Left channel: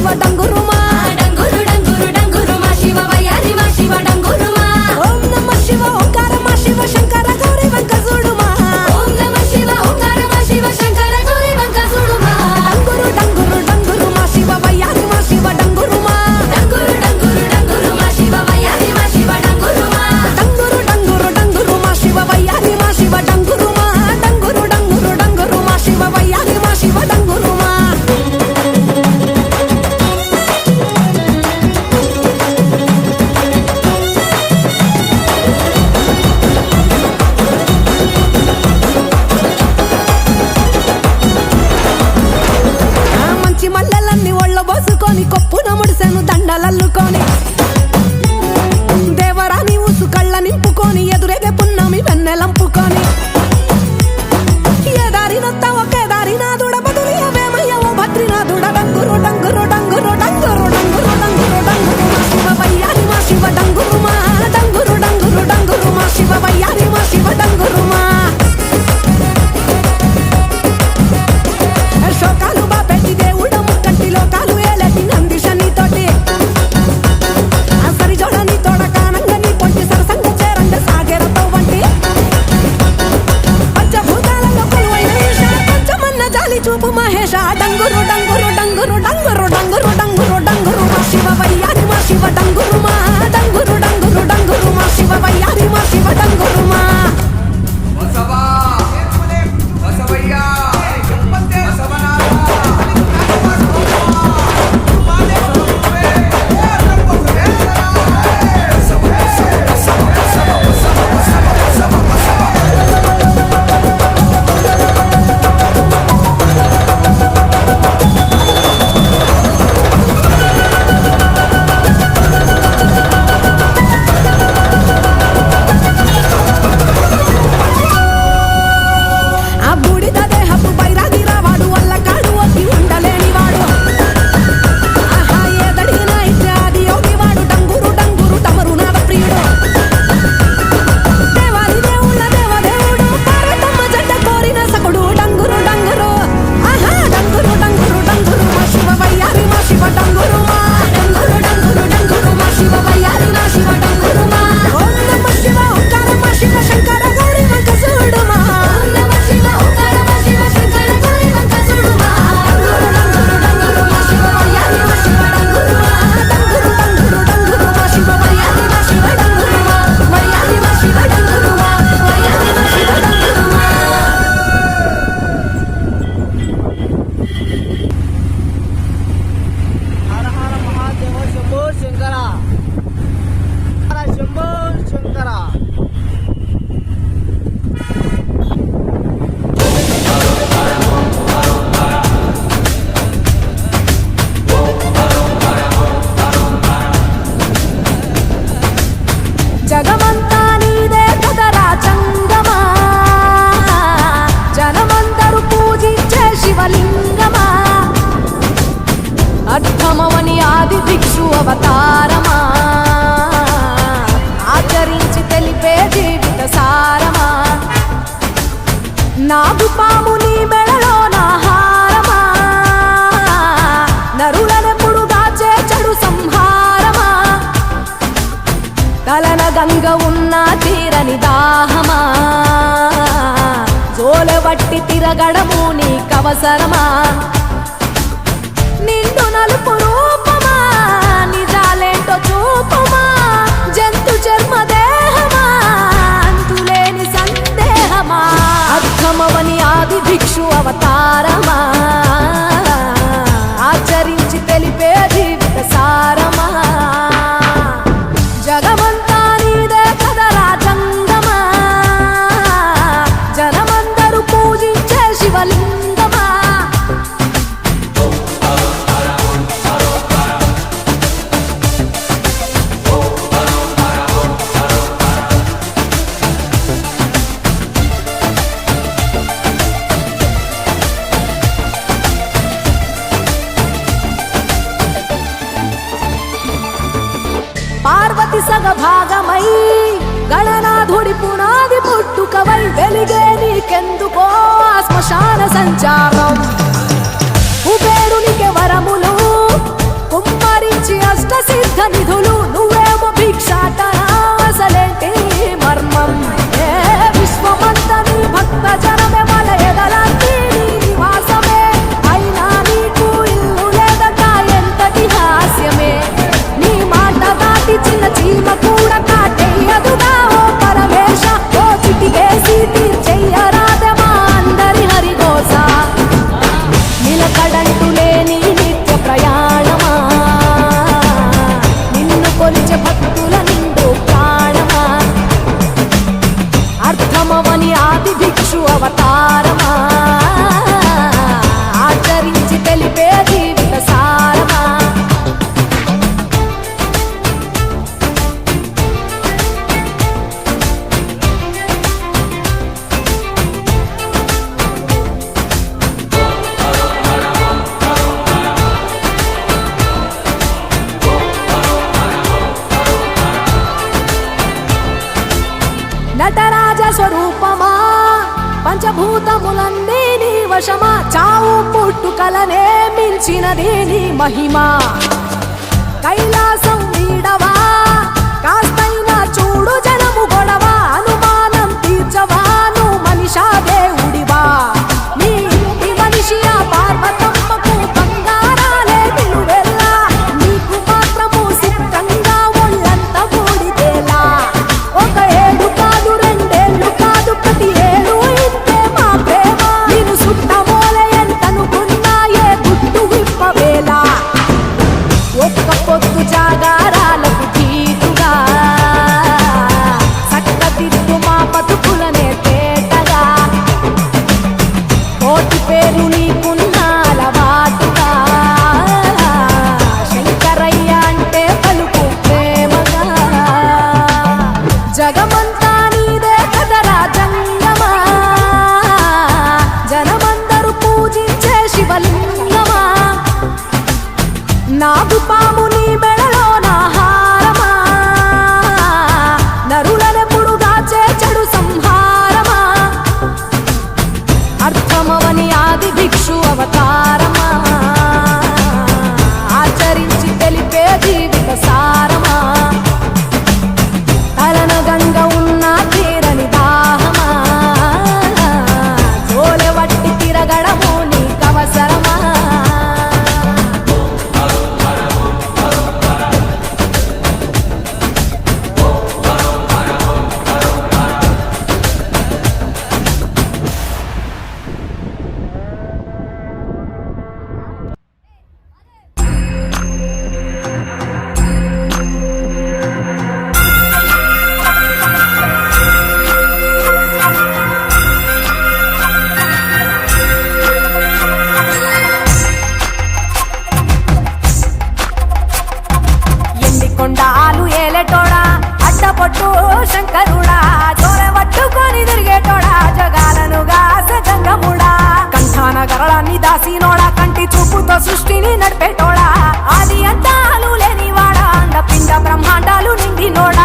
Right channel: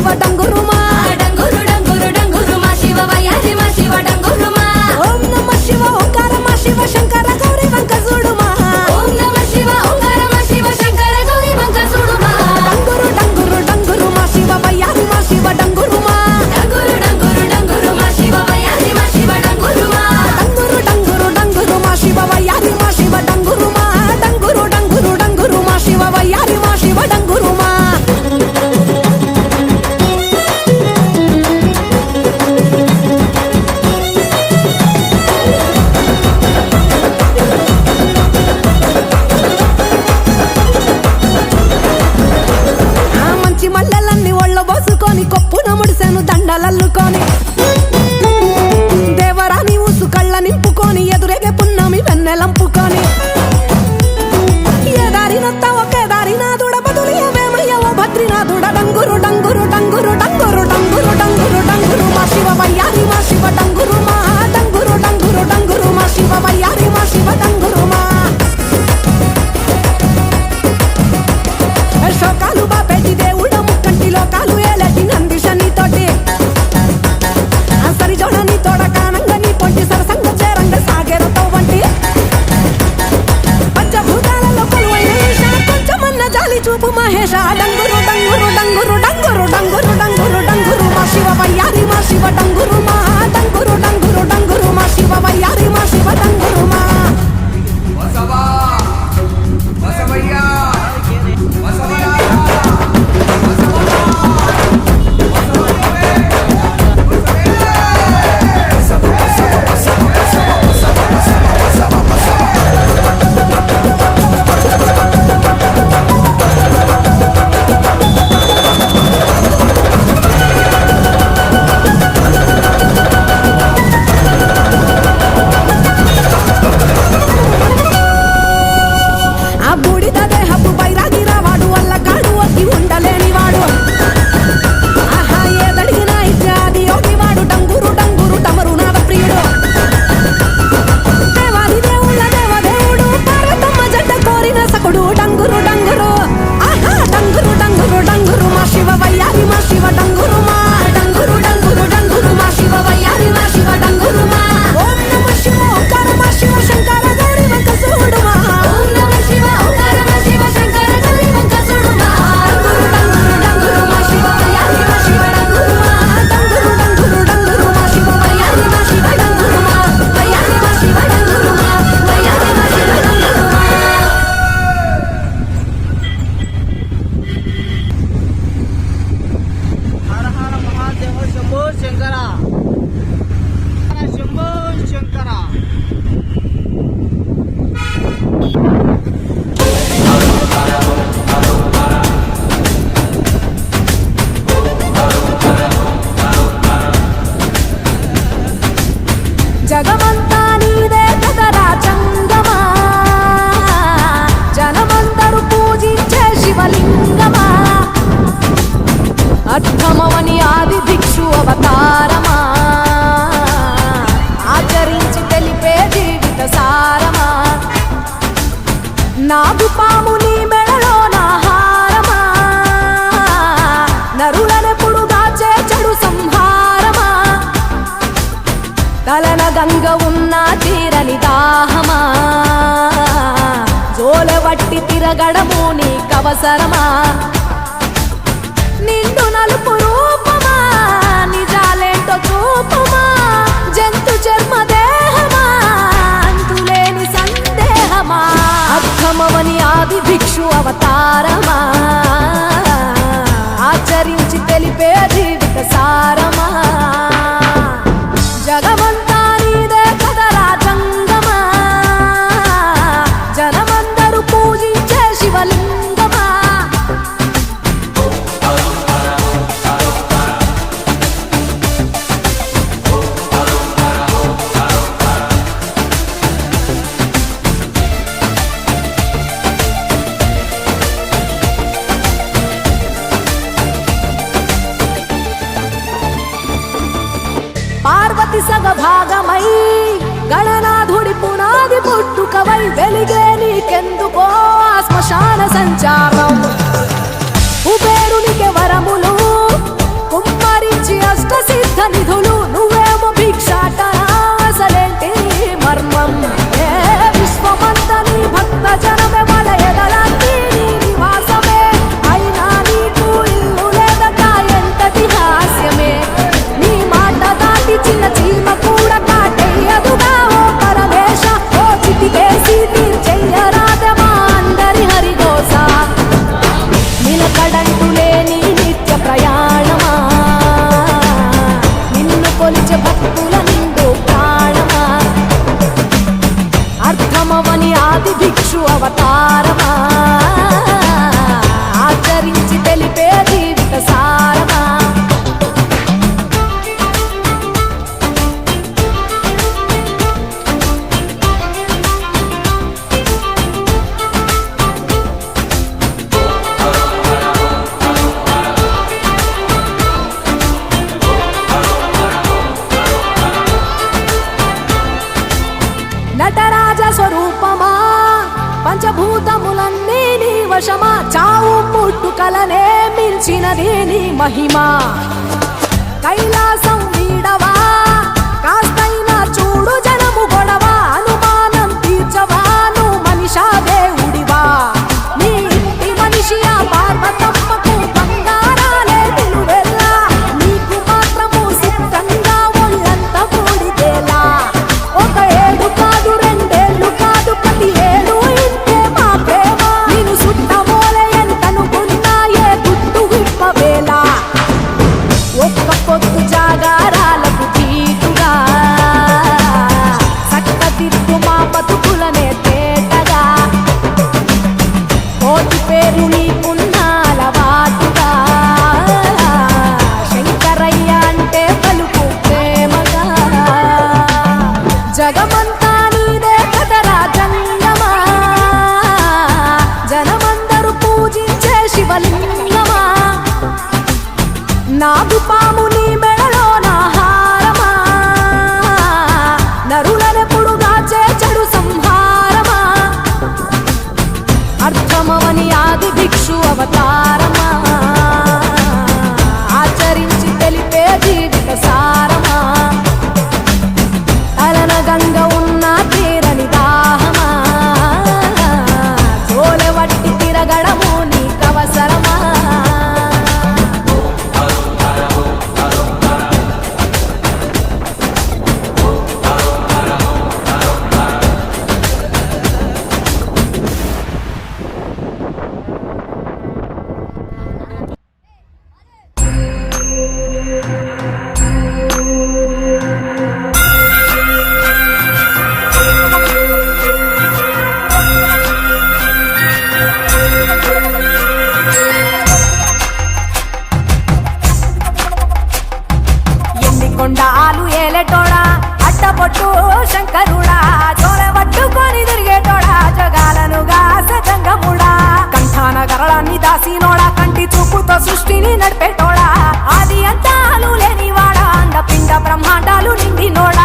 శివ డంగురుమా డంగురు డంగురు డంగురు మా శివ వయ్యారి మా శివ డంగురుమా ఓం నమ శివ ఓంకార మా శివ శంకర గౌరీ వంక చూడుమా ఓం నమ శివ ఓంకార మా శివ శంకర గౌరీ వంక చూడుమా డంగురు డంగురు డంగురు మా శివ వయ్యారి మా శివ డంగురుమా డంగురు డంగురు డంగురు మా శివ వయ్యారి మా శివ డంగురుమా డంగురు డంగురు డంగురు మా శివ వయ్యారి మా శివ డంగురుమా డంగురు డంగురు డంగురు మా శివ వయ్యారి మా శివ డంగురుమా మంచి మల్లెలన్నీ ఒళ్ళ బోసుకొని కొప్పున ముడిసెను దండలల్లుకొని దేవరాని ఊసు కళ్ళ నింపుకొని ఎదురేగే పున్నమి వెన్నెలంపుకొని ఏ దారినొత్త ఒకే దారినాథుడ బదులియవేమయ్య ఓ భద్రినాథుడ డంగురు డంగురు డంగురు డంగురు డంగురు డంగురు డంగురు మా శివ వయ్యారి మా శివ డంగురుమా డంగురు డంగురు డంగురు మా శివ వయ్యారి మా శివ డంగురుమా శోకాలు బాపెట్టి దేవుడ ముక్కంటి లోకాలు ఏలటి నందిషని తోటి సరి జోడని తోడ కానంగ నీ పొంటి సరసంగ చేరంగ సాగేరతో వంటి పంచభూతాలలో కొలువైన ఈశ కొంచెమన్న జాలి చూపు మహేష డంగురు డంగురు డంగురు డంగురు డంగురు డంగురు డంగురు మా శివ వయ్యారి మా శివ డంగురుమా డంగురు డంగురు డంగురు మా శివ వయ్యారి మా శివ డంగురుమా బసవా బసవయ్యా బసవనాథ బసవమ్మ బసవమ్మే ఆ బూడిద దేహపు బైరాగి రావాడు వల్ల కాడు ఒగ్గి ఉండలేనివాడు ఆహా ఏదడిగినా ఇచ్చే ఆది యోగివాడు డంగురు డంగురు టమరునాథ ప్రియుడు దేవాది దేవుళ్ళ దేవదేవుడు పార్వతమ్మ జంట కోరిన సకుడు డంగురు డంగురు ఆహా డంగురు డంగురు డంగురు మా శివ వయ్యారి మా శివ డంగురుమా డంగురు డంగురు డంగురు మా శివ వయ్యారి మా శివ డంగురుమా ఓం నమ శివ ఓంకార మా శివ శంకర గౌరీ వంక చూడుమా ఓం నమ శివ ఓంకార మా శివ శంకర గౌరీ వంక చూడుమా డంగురు డంగురు డంగురు మా శివ వయ్యారి మా శివ డంగురుమా డంగురు డంగురు డంగురు మా శివ వయ్యారి మా శివ డంగురుమా వయ్యారి మా శివ డంగురుమా వయ్యారి మా శివ డంగురుమా హర హర మహాదేవ శంభో శంకర హర శంభో శంకర జగమంతా నీదే కదరా చంగమా జనమందరూ పూజించే శివలింగమా అర్థమవని ఆది భిక్షు అవతారమా ఆచరించి తెలిపే జీవిత సారమా నాగుపాము నీ మెడలో నాహారమా నరులనెప్పుడు దాచే చెడు సంహారమా తలన గంగ ఉన్న తీరని దాహమా జోలవట్టి తిరగడము నీకవసరమా నిండు నలుపు రూపమా నిజాలేంటో చూపుమా జంతు చర్మ దేహమా అంతులేని సందేహమా అర్థమవని ఆది భిక్షు అవతారమా ఆచరించి తెలిపే జీవిత సారమా జగమంతా నీదే కదరా జంగమా జనమందరూ పూజించే శివలింగమా పార్వతి సగభాగమై గణనాథుడి పునాది పుట్టుకవై వెలిగే నీకెందుకో శ్మశాన సంచారం కుబేరునికి వరములు నిధులు నువ్వేమో భిక్షాటన అసలేంటి మర్మం ఏ విశ్వమంత నీ భక్త జనమే వాళ్ళ ఎదలంటి నీ నివాసమే అయినా నీకు ఇల్లు లేదట ఎంతటి హాస్యమే నీ మాట దాటి చిన్న చీమ కూడా కాటేయదుగా ఓ పరమేశ ఓ చిటికేసి తీర్చెయ్యరాదే మా అందరి హరిగోస నిలకడంటూ లేని నిత్య ప్రయాణమా నిన్ను కొలిచే భక్తుల నిండు ప్రాణమా అర్థమవని ఆది భిక్షు అవతారమా ఆచరించి తెలిపే జీవిత సారమా నటరాజ స్వరూపమా పంచభూతములన్నీ నీ వశమా చావు పుట్టుకలనే మించినది నీ మహిమా కైలాసం వీడవా కాస్తైనా చూడు జనము గొడవ అనుమానం తీర్చవా నువ్వు మనిషా దేవుడివా నీ ఇంటి మనిషి ఆ పార్వతమ్మకు బంగారాలే నిలువెల్లా నీకు మాత్రము సిద్ధంగా ఒళ్ళంత బూడిదేలా ఒక ఏడు కాదు రెండేళ్ళు కాదు ప్రతి ఏడు ఇంతే మా ప్రేమ నేను సుట్టమోలే ఎంతనుకున్నా ఏ గుట్టు విప్పవేలా ఒక్క పొద్దు జాగారాలకు తీటుగా చక్కదిద్దు మా బతుకులనే తేటగా కోటి పేరు నీకున్న అలవాటుగా శంకరయ్య అంటే పలుకు ప్రేమగా జగమంతా నీదే కదరా జంగమా జనమందరూ పూజించే శివలింగమా నాగు పాము నీ మెడలో నా హారమా నరులనెప్పుడు దాచే చెడు సంహారమా అర్థమవని ఆది భిక్షు అవతారమా ఆచరించి తెలిపే జీవిత సారమా తలన గంగ ఉన్న తీరని దాహమా జోలె వట్టి తిరగడము నీకవసరమా కొండాలు ఏలేటోడా అడ్డపొట్టు శంకరుడా జోల పట్టుకొని తిరిగేటోడా జగాలను గాస జంగముడా కంఠాన గరళాన్ని దాసినోడా కంటి చూపుతో సృష్టిని నడిపేటోడా ఆది